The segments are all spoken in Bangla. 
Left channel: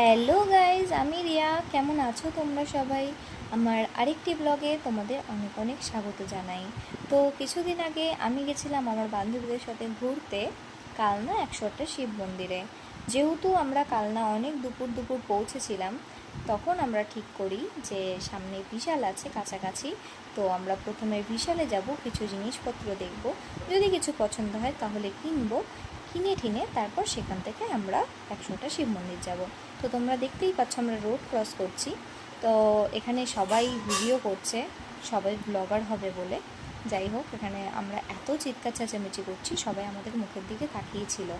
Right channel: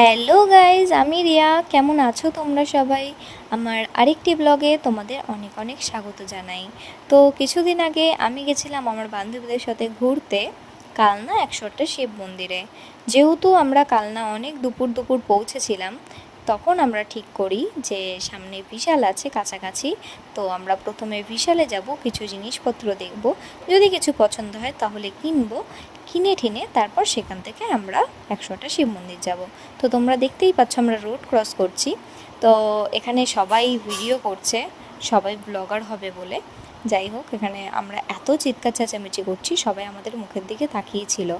হ্যালো গাইজ, আমি রিয়া। কেমন আছো তোমরা সবাই? আমার আরেকটি ব্লগে তোমাদের অনেক অনেক স্বাগত জানাই। তো কিছুদিন আগে আমি গেছিলাম আমার বান্ধবীদের সাথে ঘুরতে কালনা 108টা শিব মন্দিরে। যেহেতু আমরা কালনা অনেক দুপুর দুপুর পৌঁছেছিলাম, তখন আমরা ঠিক করি যে সামনে বিশাল আছে কাছাকাছি, তো আমরা প্রথমে বিশালে যাব, কিছু জিনিসপত্র দেখব, যদি কিছু পছন্দ হয় তাহলে কিনবো, কিনে ঠিনে তারপর সেখান থেকে আমরা 108টা শিব মন্দির যাব। তো তোমরা দেখতেই পাচ্ছ আমরা রোড ক্রস করছি। তো এখানে সবাই ভিডিও করছে, সবাই ব্লগার হবে বলে। যাই হোক, এখানে আমরা এত চিৎকার চেঁচামেচি করছি, সবাই আমাদের মুখের দিকে তাকিয়েছিল।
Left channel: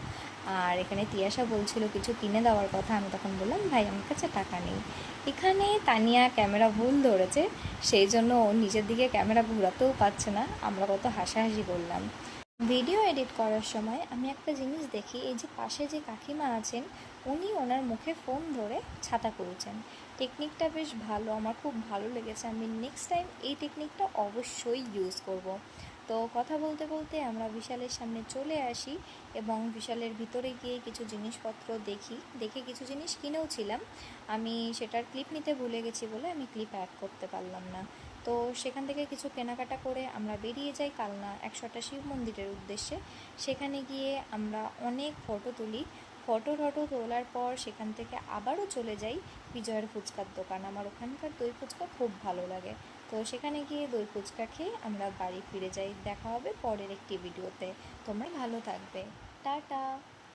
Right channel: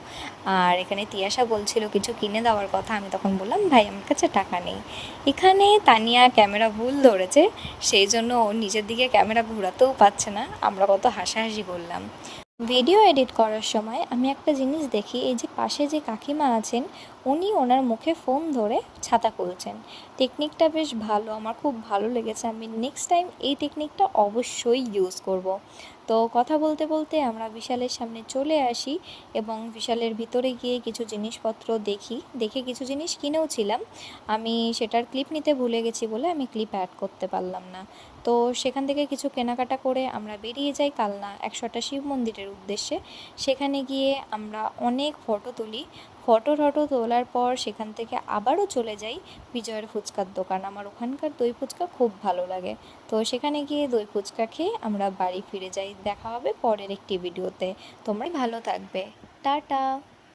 আর এখানে তিয়াশা বলছিল কিছু কিনে দেওয়ার কথা, আমি তখন বললাম ভাই আমার কাছে টাকা নেই। এখানে তানিয়া ক্যামেরা ভুল ধরেছে, সেই জন্য ও নিজের দিকে ক্যামেরা ঘোরাতেও পারছে না। আমরা কত হাসাহাসি করলাম। ভিডিও এডিট করার সময় আমি একটা জিনিস দেখি, এই যে পাশে যে কাকিমা আছেন, উনি ওনার মুখে ফোন ধরে ছাতা খুলছেন। টেকনিকটা বেশ ভালো, আমার খুব ভালো লেগেছে। আমি নেক্সট টাইম এই টেকনিকটা অবশ্যই ইউজ করব। তো কথা বলতে বলতে আমরা বিশালের সামনে চলে আসি এবং বিশালের ভিতরে গিয়ে কিছু জিনিসপত্র দেখে কিছু জিনিস কিনেও ছিলাম। আমি সেটার ক্লিপ নিতে ভুলে গেছি বলে আমি ক্লিপ অ্যাড করতে পারলাম না। তো সেখান থেকে কিছু কেনাকাটা করে আমরা বেরিয়ে যাই কালনা 108টা শিব মন্দিরের উদ্দেশ্যে। সেখানে গিয়ে আমরা অনেক ফটো তুলি। ফটো তোলার পর সেখান থেকে আবারও চলে যাই বিজয়ের ফুচকার দোকান। আমার ওখানকার দই ফুচকা খুব ভালো লাগে। তো সেখানে গিয়ে দই ফুচকা খেয়ে আমরা বাড়ি ফিরে যাই। দেখা হবে পরের একটি ভিডিওতে। তোমরা ভালো থাকবে। টাটা।